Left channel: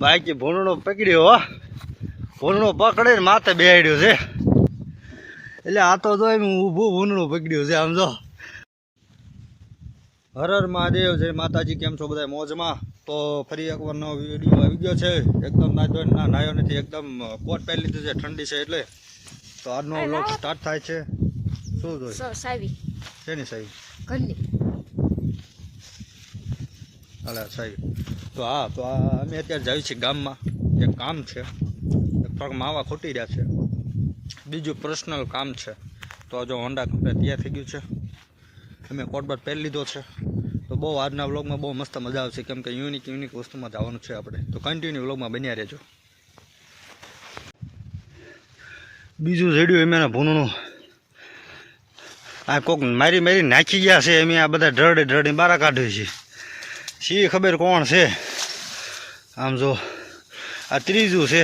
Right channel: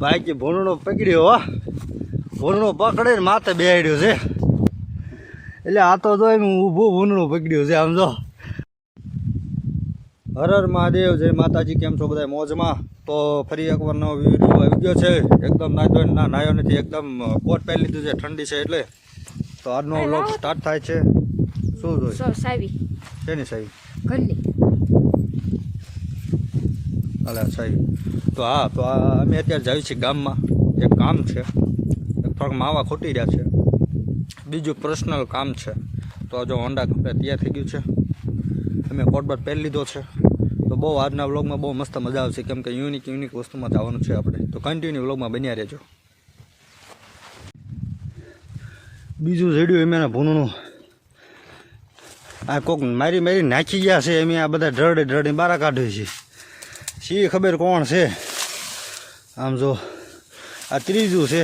બાકી ભૂંડણો પકડ્યો હો, ભૂંડણો પકડે ને માથે બેહાડ્યો છે. એટલે આ તો જો એમ ઊભું ભૂંડણું પકડ્યું છે. આમ જો હર હર મહાદેવ, જય માતાજી. કેમ છો બધા મોજમાં? તો ફરી એકવાર નવો વિડીયો આવી ગયો છે. એકદમ નાયો નથી, એકદમ કોટ પહેરી લીધું છે, ઠંડી છે એટલે. તો આજનો વ્લોગ સ્ટાર્ટ થાય છે. શું જોઈએ શેની સાવી? અલા સાવી. તો હા, તો અમે અત્યારે જઈએ છીએ ગામમાં. એક કામ છે, થોડાક માવા ખોટી રહ્યા છે, બીજું પર્સનલ કામ છે. તો જો હોન્ડા કમ્પ્લેટ તૈયાર થઈ ગયું છે, અમે કોટબાટ પહેરી લીધો છે. તો બહુ આજના વ્લોગમાં બહુ મસ્ત મજા આવશે, કેમ કે યુનિક વસ્તુમાં જવાનું છે આપણે. તો કન્ટિન્યુ વ્લોગમાં બન્યા રહેજો. બીજું રેડિયો એમ એના ભૂનનું આ કોક મારી નાખી ગયા છે. એમ આ બધા ઢળે બારા કાઢે છે. શી ખબર કોણ છે? આમ જો આ ત્રીજું છે.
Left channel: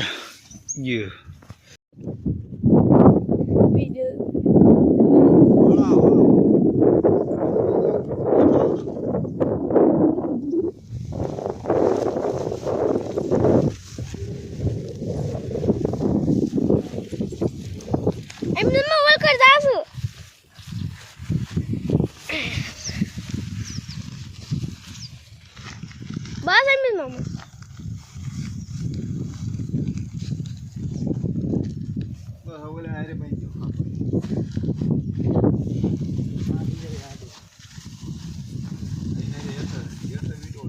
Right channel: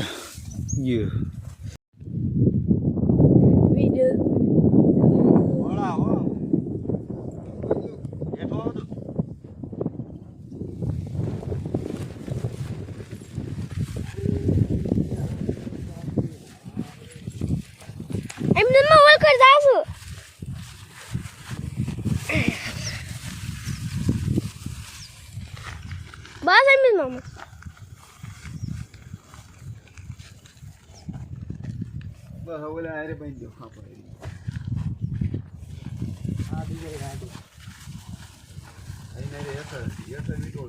એમને મોલ કર જાવું બસ એમને મામા ઓલા આરે પંજો આ બીજો રાડો એને રે Acer veto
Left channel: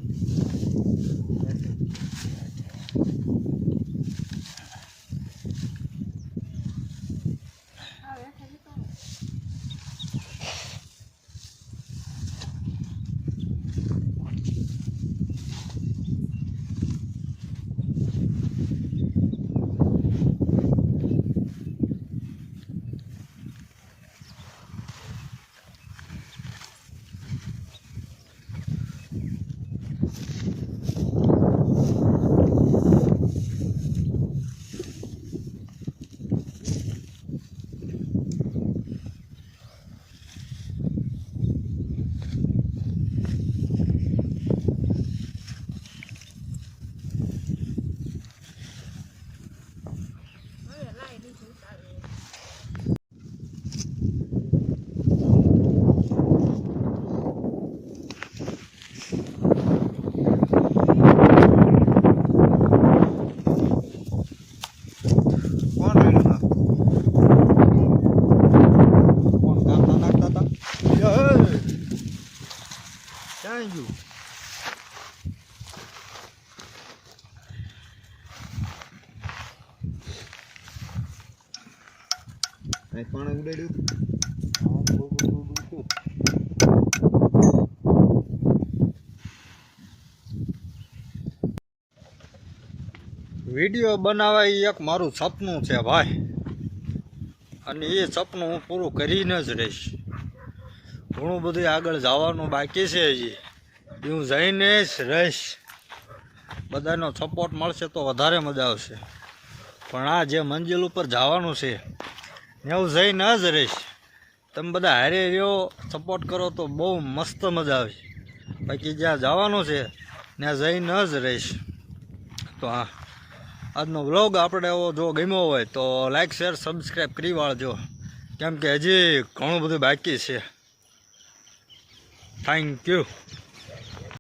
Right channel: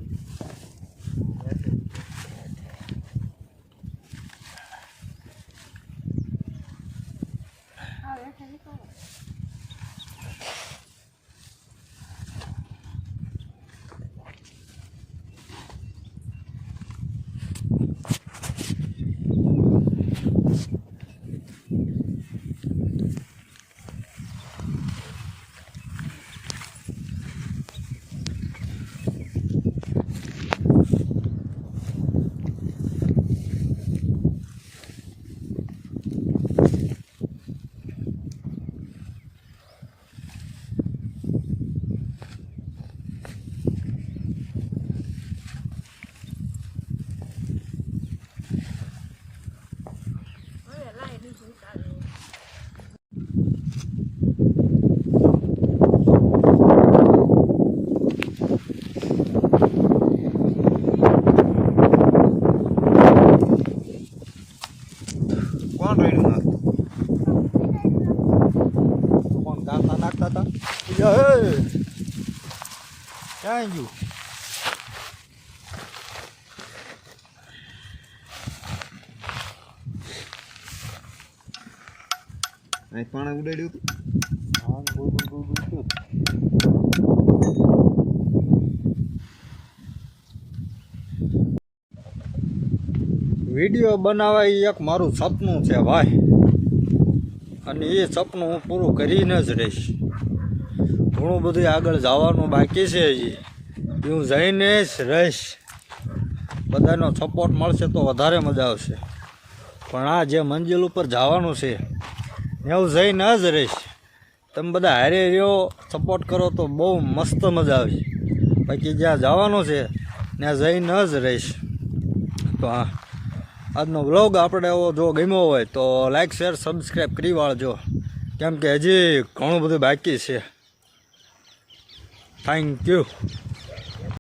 Thank you. I found out what I do. Video બનાવવા એક મારું સપનું છે ભાઈ, અને એ સપનું હું પૂરું કરીને જ રહીશ. ઘણું બધું આગળ જવાનું બાકી છે હજી, હું જઈને જ રહીશ. બધાનો સપોર્ટ મળશે તો વધારે મજા આવશે. પણ આ જે મંજિલ ઉપર જવાનું છે એવું જઈને જ રહીશ. તમે બધા હારે રહ્યો, સપોર્ટ કરો તો બહુ મસ્ત મજા આવશે. બાકી જ્યાં જવાનું છે ત્યાં જઈને જ રહીશ. તો હા, આજનો વ્લોગ આપણે એવો જો ગમ્યો હોય તો લાઈક શેર સબસ્ક્રાઈબ કરી વાળજો, કેમ કે હજી ઘણું બધું બાકી છે. Thank you.